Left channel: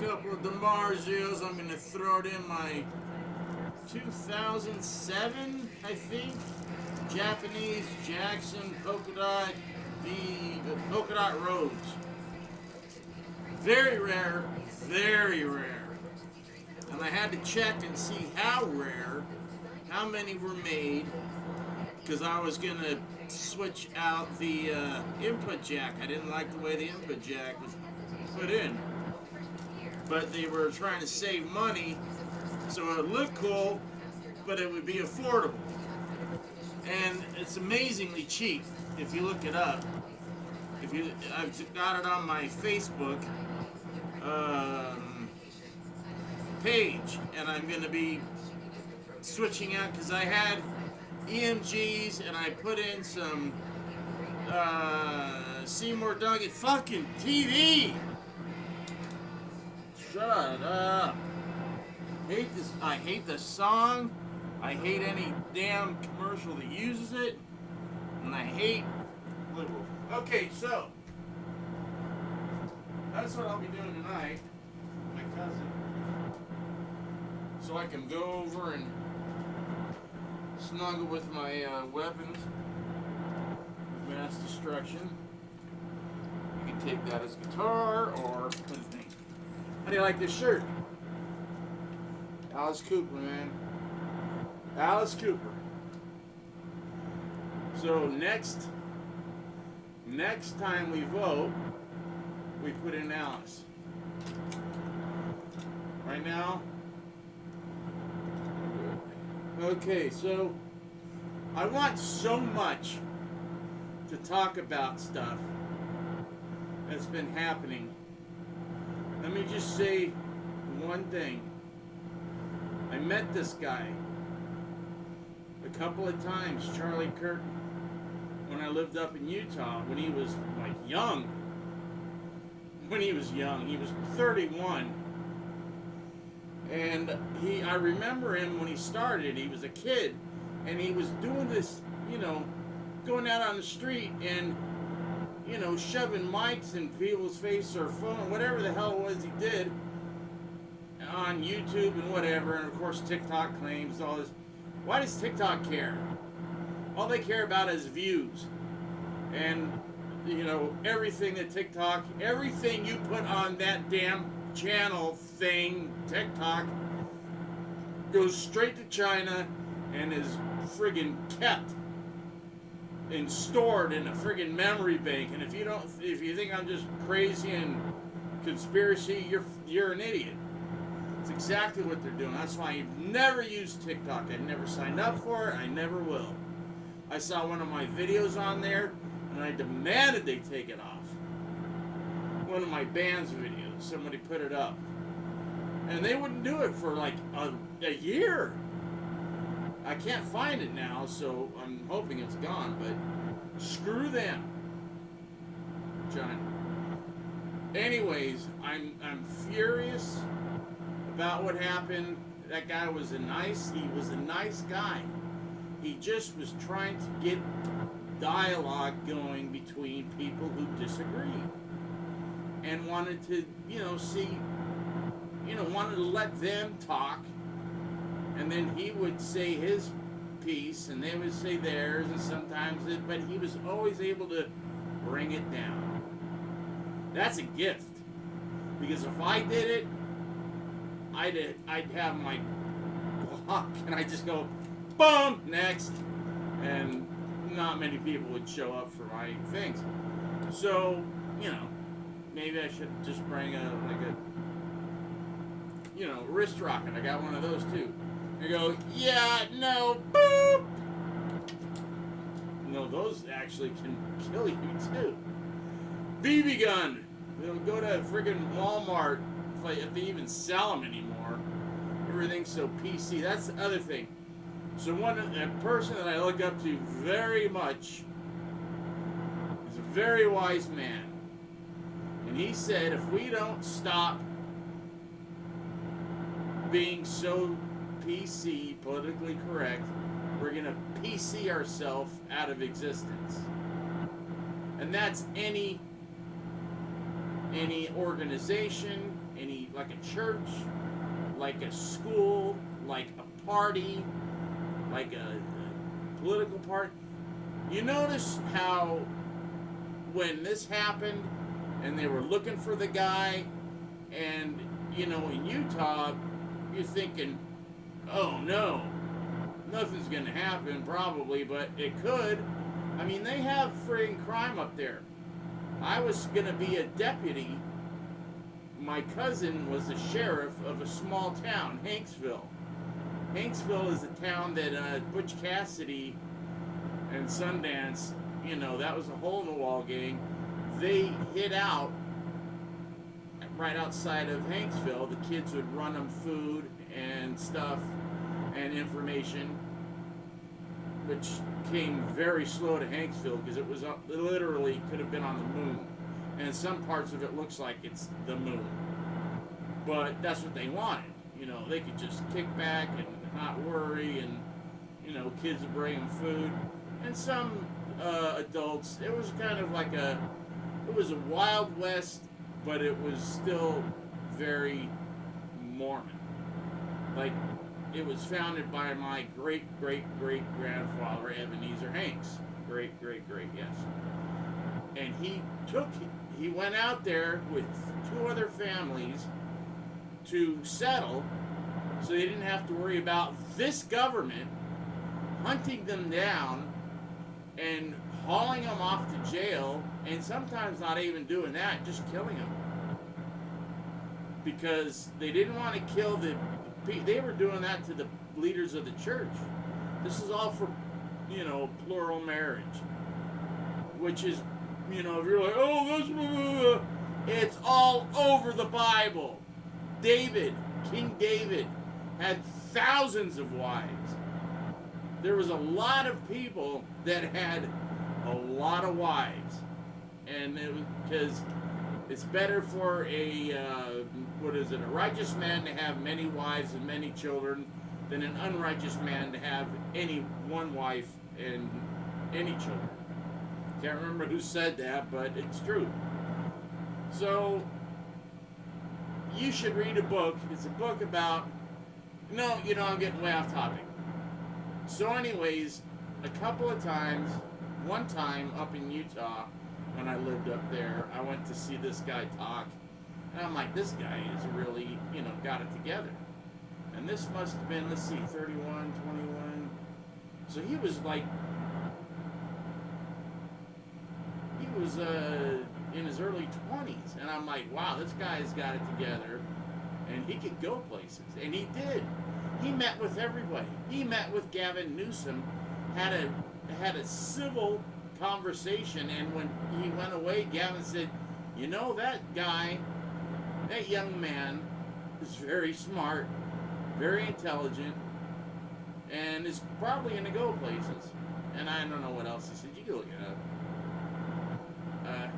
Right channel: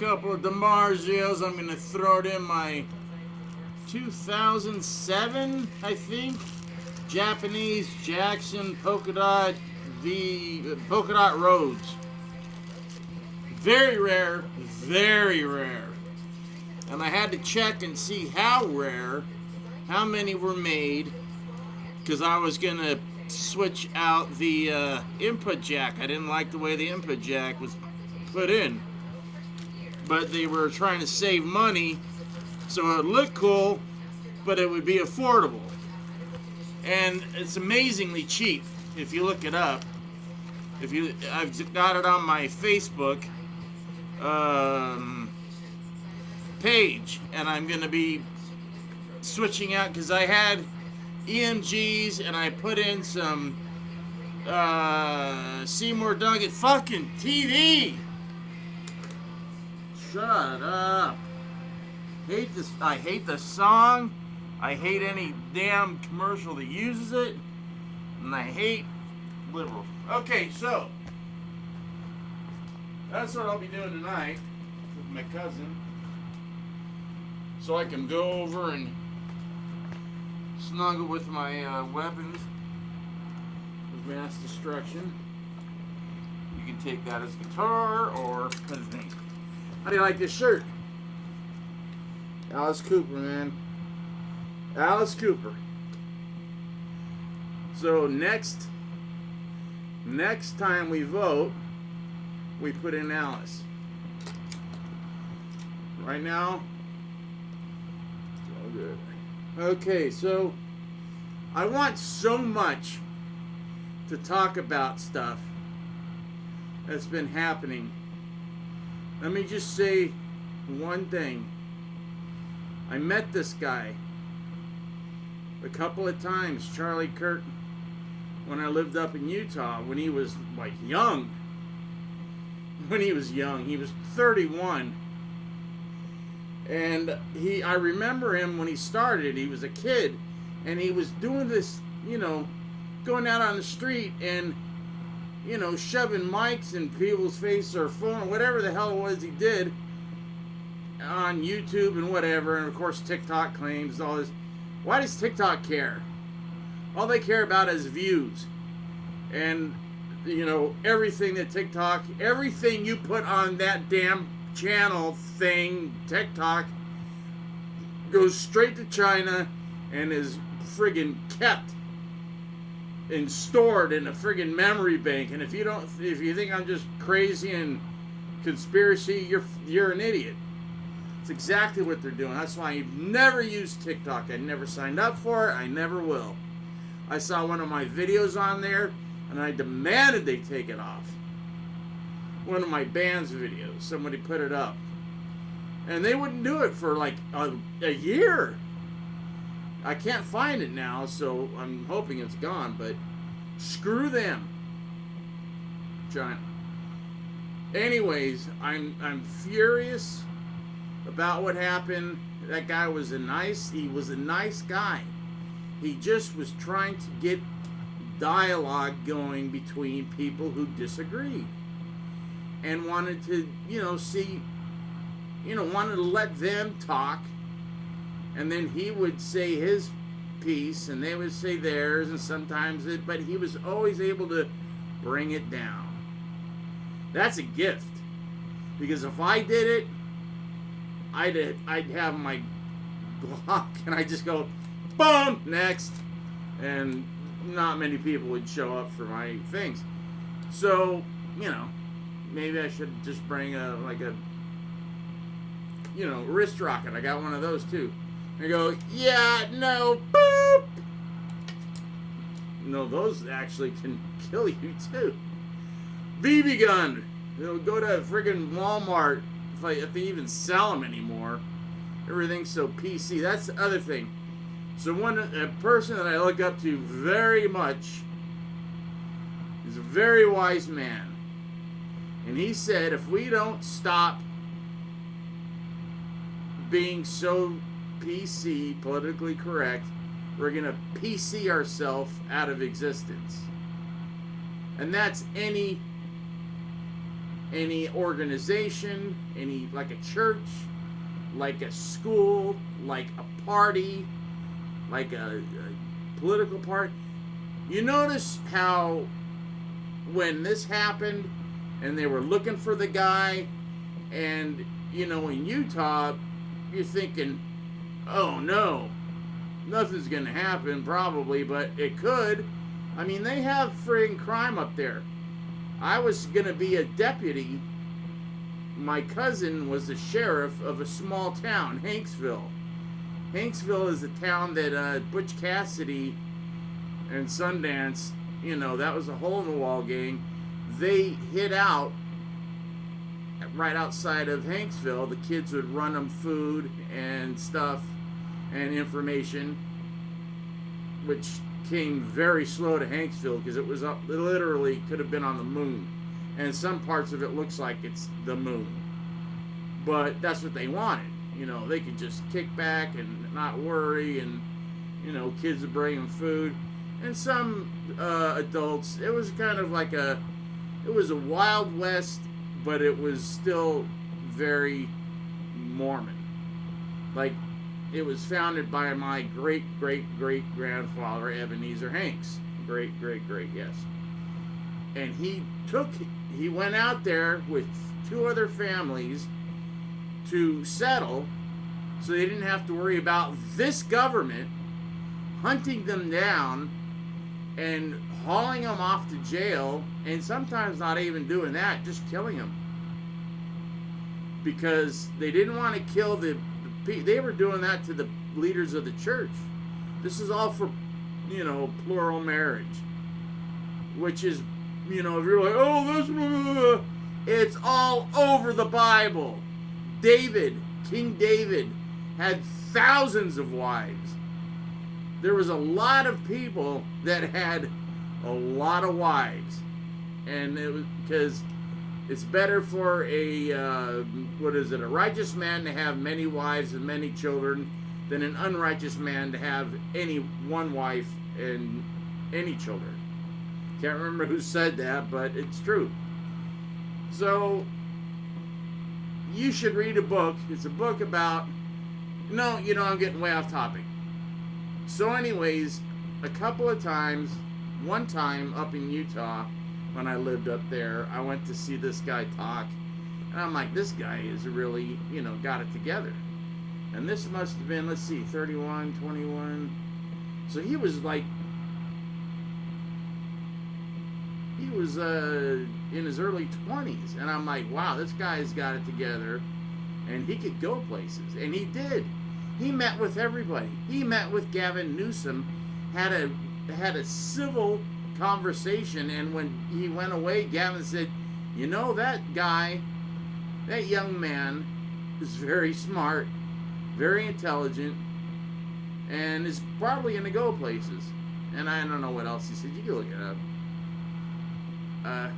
Couple of DiMarzios. I'm going to throw it in my 2007, I think, Japanese Jackson polka dot, the polka dot Rhodes. Very rare, very rare. And I had to check and see how rare, how many were made, because I was going to switch out the input jack. I didn't like the way the input jack was put in. But they were trying to save money, so it would look cool, but it would be affordable. And it's amazingly cheap if you look it up. I've got it on my Facebook page, and I'm going to be switching out because I had EMGs and I put in some Seymour Dugan fucking TV. Shut up. Hate this. I hate the song. I hate any damn commercial that uses it. And I hate liberals. Okay, so that's what I'll be doing tonight with my cousin. So I can go over and snuggle with my weapons of mass destruction. You can take that as guitar or anything. How do you like this shirt? Alice Cooper, man. Alice Cooper. So next time we vote, we put in Alice. Right now, okay, so I want so much to talk about stuff that's been happening. Let me just say one thing. I met this guy a couple of times, Charlie Kirk, when I lived up in Utah, when he was like young. When he was young, he was 31. And I remember him when he started. He was a kid, and he was doing this, going out on the street and, shoving mics in people's face or phone, whatever the hell it was he did on YouTube and whatever. And of course, TikTok claims all this. Why does TikTok care? All they care about is views. And, everything that TikTok, everything you put on that damn channel thing, TikTok, goes straight to China and is friggin' kept and stored in a friggin' memory bank. And if you think I'm just crazy and conspiracy, you're an idiot. It's exactly what they're doing. That's why I've never used TikTok. I never signed up for it. I never will. I saw one of my videos on there, and I demanded they take it off. One of my band's videos. Somebody put it up. And they wouldn't do it for like a year. I can't find it now, so I'm hoping it's gone, but screw them. China. Anyways, I'm furious about what happened. That guy was a nice guy. He just was trying to get dialogue going between people who disagreed and wanted to, wanted to let them talk, and then he would say his piece and they would say theirs, and sometimes but he was always able to bring it down. That's a gift, because if I did it, I'd have my block and I just go, boom, next, and not many people would show up for my things. So, maybe I should just bring a wrist rocket. I got one of those too. I go, yeah, no, boop. No, those actually can kill you too. BB gun. They'll go to friggin' Walmart if they even sell them anymore. Everything's so PC. That's the other thing. So a person that I look up to very much is a very wise man. And he said, if we don't stop being so PC, politically correct, we're going to PC ourselves out of existence. And that's any any organization, any, like a church, like a school, like a party, like a political party. You notice how when this happened and they were looking for the guy, and, you know, in Utah, you're thinking, oh no, nothing's going to happen probably, but it could. I mean, they have friggin' crime up there. I was going to be a deputy. My cousin was the sheriff of a small town, Hanksville. Hanksville is the town that Butch Cassidy and Sundance, you know, that was a hole-in-the-wall gang. They hid out right outside of Hanksville. The kids would run them food and stuff and information, which came very slow to Hanksville because it was up, it literally could have been on the moon. And some parts of it looks like it's the moon. But that's what they wanted. You know, they could just kick back and not worry, and, you know, kids would bring them food. And some adults, it was kind of like it was a Wild West, but it was still very Mormon. Like, it was founded by my great-great-great-grandfather, Ebenezer Hanks. Great, yes. And he went out there with 2 other families to settle, so they didn't have to worry about this government hunting them down and hauling them off to jail, and sometimes not even doing that, just killing them. Because they didn't want to kill they were doing that to the leaders of the church. This is all for, you know, plural marriage. Which is, you know, if you're like, oh, it's all over the Bible. King David, had thousands of wives. There was a lot of people that had a lot of wives. And it was because it's better for a righteous man to have many wives and many children than an unrighteous man to have any one wife and any children. Can't remember who said that, but it's true. So, you should read a book. It's a book about... No, you know, I'm getting way off topic. So anyways, a couple of times, one time up in Utah, when I lived up there, I went to see this guy talk. And I'm like, this guy is really, you know, got it together. And this must have been, let's see, 31, 21. So he was like... He was in his early 20s. And I'm like, wow, this guy's got it together. And he could go places. And he did. He met with everybody. He met with Gavin Newsom, had a civil conversation, and when he went away, Gavin said, you know, that guy, that young man is very smart, very intelligent, and is probably going to go places. And I don't know what else he said. You can look it up.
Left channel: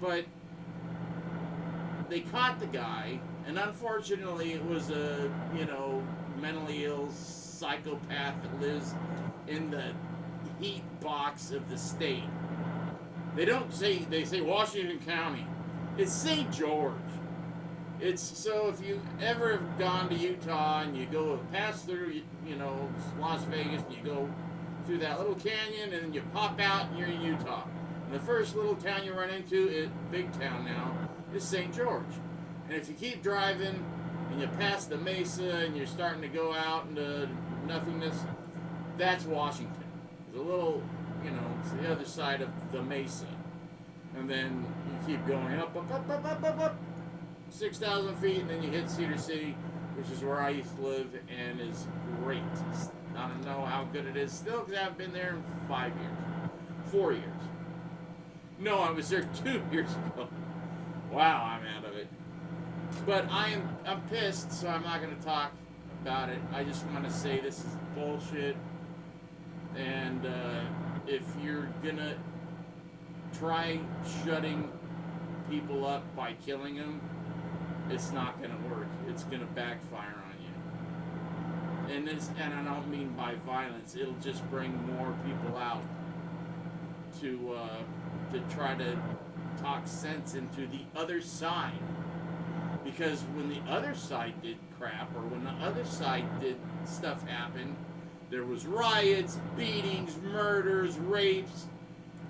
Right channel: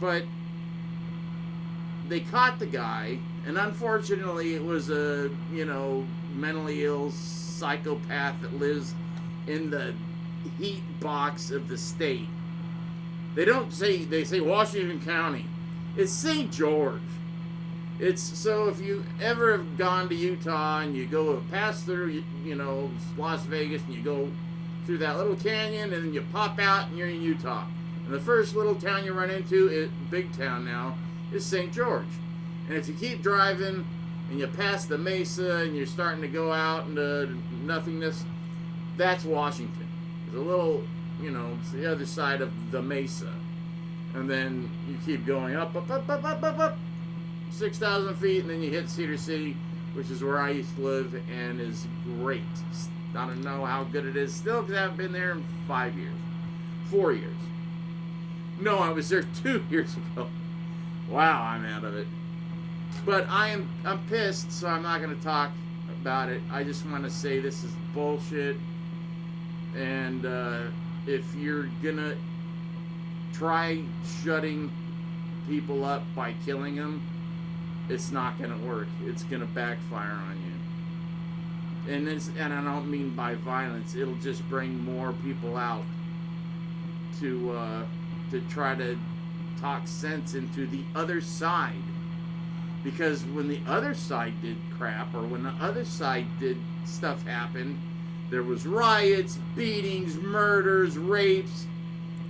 But they caught the guy, and unfortunately it was a, you know, mentally ill psychopath that lives in the heat box of the state. They say Washington County. It's St. George. It's, so if you ever have gone to Utah and you go pass through, you know, Las Vegas, and you go through that little canyon and then you pop out and you're in Utah. And the first little town you run into, big town now, is St. George. And if you keep driving and you pass the mesa and you're starting to go out into nothingness, that's Washington. It's a little, you know, it's the other side of the mesa. And then you keep going up, 6,000 feet, and then you hit Cedar City, which is where I used to live, and is great. I don't know how good it is still, because I haven't been there in 5 years. 4 years. No, I was there 2 years ago. Wow, I'm out of it. But I'm pissed, so I'm not going to talk about it. I just want to say this is bullshit. And if you're going to try shutting people up by killing them, it's not going to work. It's going to backfire on you. And I don't mean by violence. It'll just bring more people out to try to talk sense into the other side. Because when the other side did crap, or when the other side did stuff happen, there was riots, beatings, murders, rapes,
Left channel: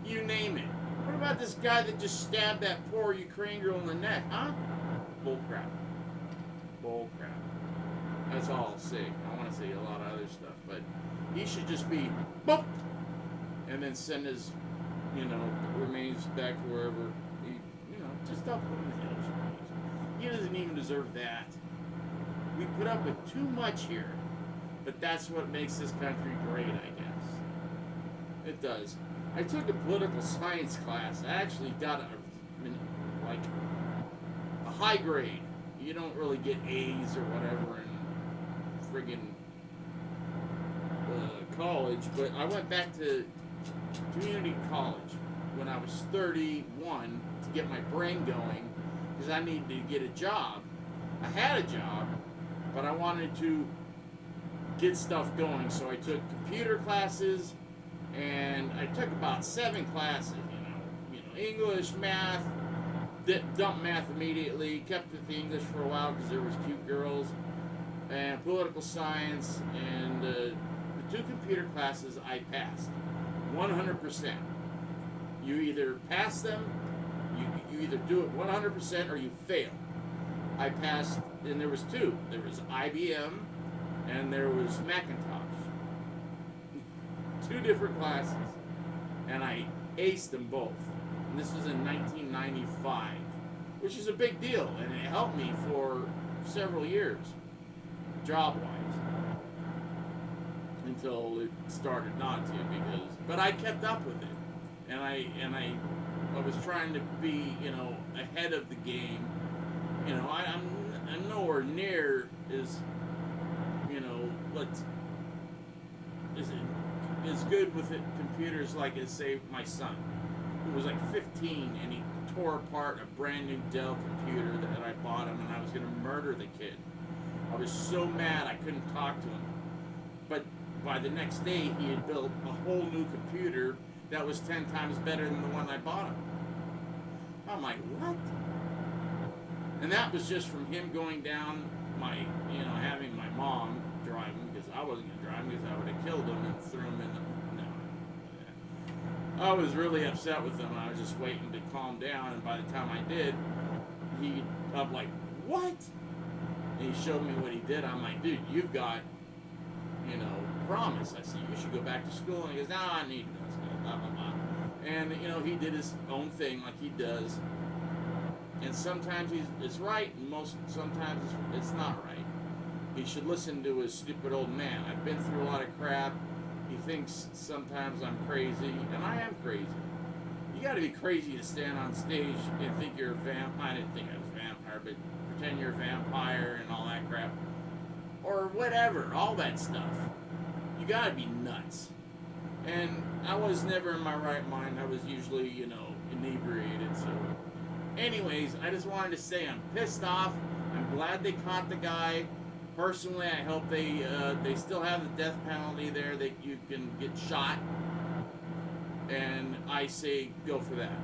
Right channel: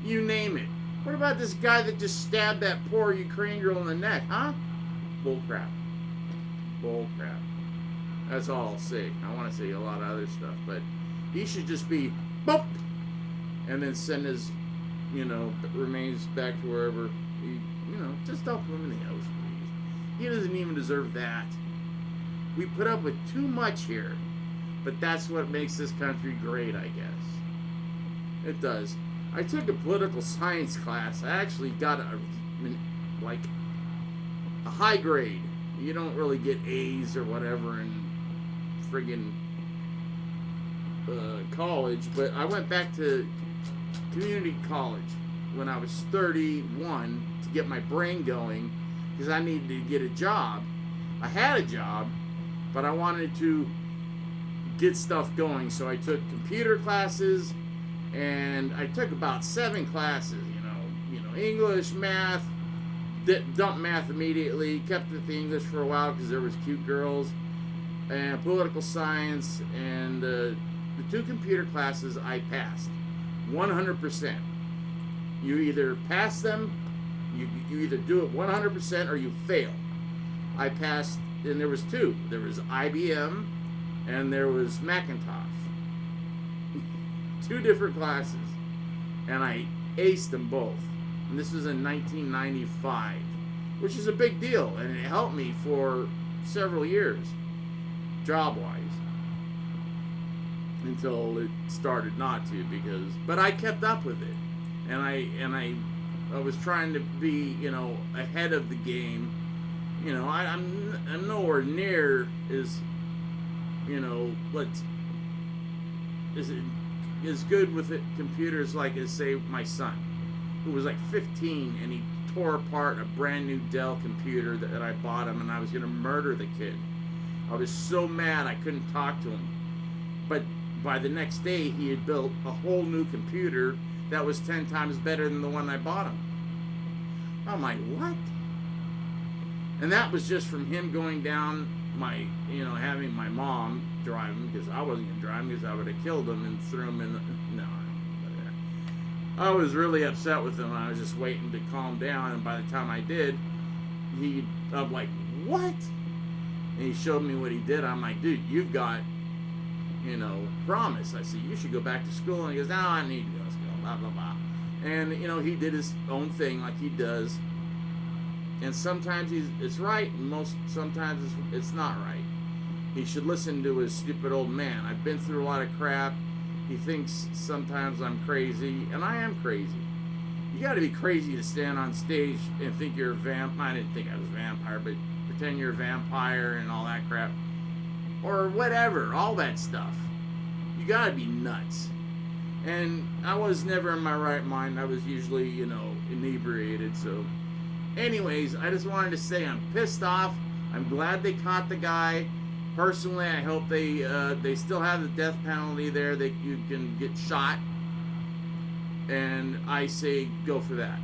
you name it. What about this guy that just stabbed that poor Ukrainian girl in the neck, huh? Bull crap. Bull crap. That's all I'll say. I want to say a lot of other stuff, but he should just be boop, and then send his, remains back to wherever he, just dump him in the ocean. He doesn't even deserve that. We put up with too much here, but that's what makes this country great, I guess. It does. I took a political science class. I actually got a high grade. You don't really get A's or whatever in friggin' college, but I went back to community college when I was 31 to get my brain going, because I needed to get a job. I had a job, but I wanted to get stuff going, so I took computer classes, and I took about 7 classes, English, math, dumped math immediately, kept with the English for a while because there was cute girls, and political science, and the 2 computer classes I passed 100%. You either pass them, you either do it 100% or you fail. I passed, and there was 2. There was IBM and there was Macintosh. 2 different classes, and I aced them both. And this was in 1995, which is a big deal, and it helped me for several years, job-wise, until it started not to, but I kept up with it, and I was trying to be, ahead of the game. I'm nowhere near as good with computers like as, say, my son, who was like 15, and he tore apart a brand new Dell computer that I bought him, and I was going to murder the kid. I was so mad I couldn't talk to him. But by the next day, he had built a whole new computer that was 10 times better than the one I bought him. I'm like, what? And that was just from him going down having my mom drive him, because I wasn't going to drive him, because I would have killed him and threw him in the... No. I was really upset with him. I was just waiting to calm down, and by the time I did, I'm like, what? And he showed me what he did. I'm like, dude, you've got, promise. I said, you should go back to school. And he goes, no, I need to go to school, blah, blah, blah. And, he did his own thing like he does. And sometimes it's right, and sometimes it's not right. He should listen to his stupid old man. I've been through a lot of crap. He thinks sometimes I'm crazy, and I am crazy. You got to be crazy to stand on stage and think you're a vampire. I didn't think I was a vampire, but pretend you're a vampire and all that crap. Or whatever, all that stuff. You got to be nuts. And I was never in my right mind. I was usually, inebriated, so... Anyways, I just wanted to say I'm pissed off. I'm glad they caught the guy. Personally, I hope they still have the death penalty there, that you can get shot. And I say go for that,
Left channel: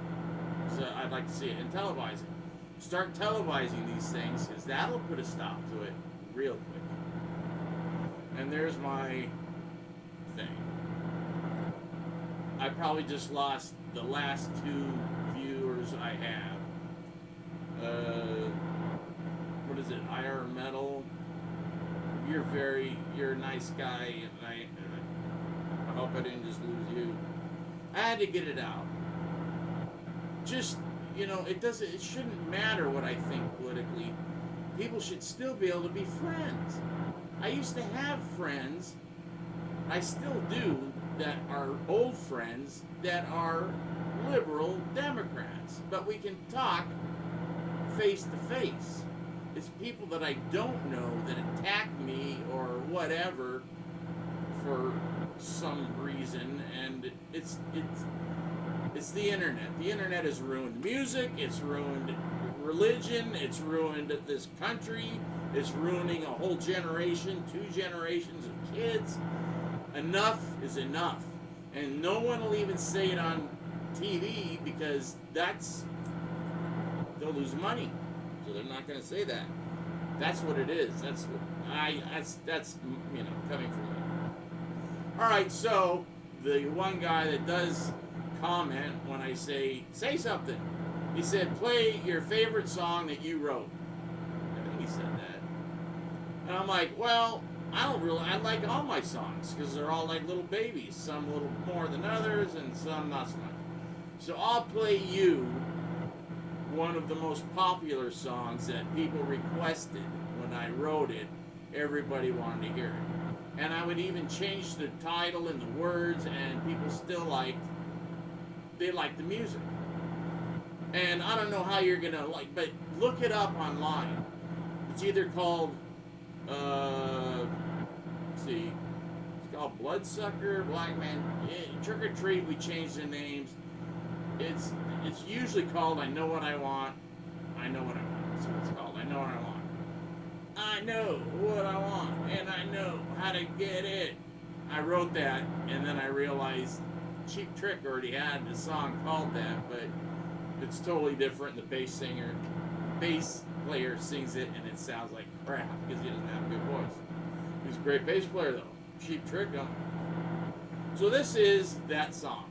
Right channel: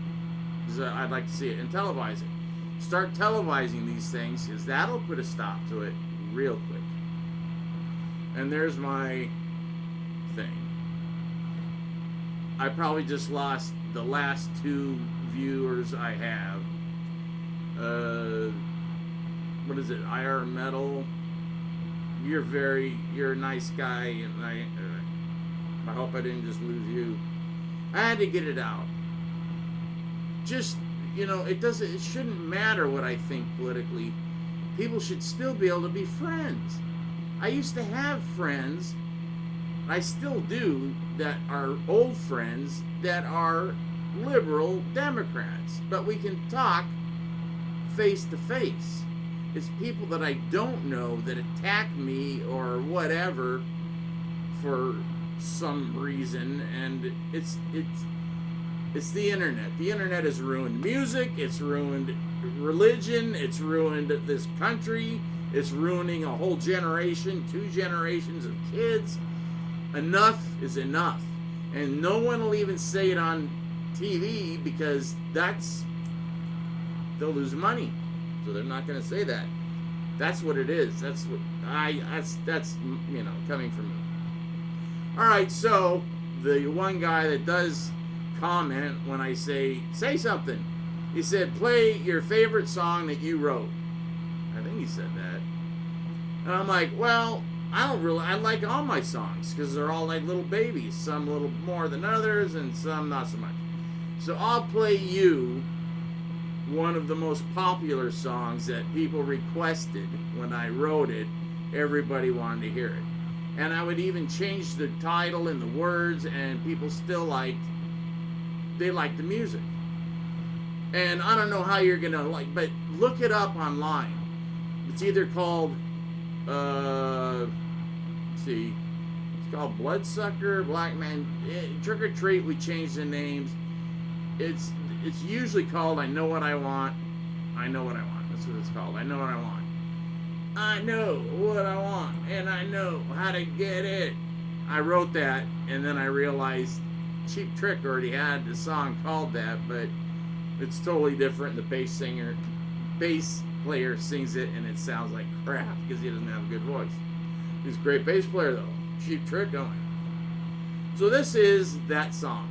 because I'd like to see it. And televise it. Start televising these things, because that'll put a stop to it real quick. And there's my thing. I probably just lost the last 2 viewers I have. What is it? IR Metal. You're a nice guy, and I hope I didn't just lose you. I had to get it out. Just, it shouldn't matter what I think politically. People should still be able to be friends. I used to have friends, I still do, that are old friends that are liberal Democrats, but we can talk face to face. It's people that I don't know that attack me or whatever for some reason, and it's the internet. The internet has ruined music, it's ruined religion, it's ruined this country, it's ruining a whole generation, 2 generations of kids. Enough is enough. And no one will even say it on TV, because that's they'll lose money, so they're not going to say that. That's what it is. That's what that's coming from me. All right, so the one guy that does comment when I say something, he said, play your favorite song that you wrote. I think he said that. And I'm like, well, I like all my songs because they're all like little babies. Some a little more than others and some not so much. So I'll play you one of the most popular songs that people requested when I wrote it. Everybody wanted to hear it. And I would even change the title and the words, and people still liked the music. And I don't know how you're going to but look it up online. It's either called, let's see, it's called Bloodsucker, Black Man, Trick or Treat. We changed the names. It's usually called I Know What I Want. I Know What I Want. That's what it's called. I Know What I Want. I know what I want, and I know how to get it. I wrote that, and then I realized Cheap Trick already had a song called that, but it's totally different. The bass player sings it, and it sounds like crap because he doesn't have a good voice. He's a great bass player, though. Cheap Trick, don't we? So this is that song.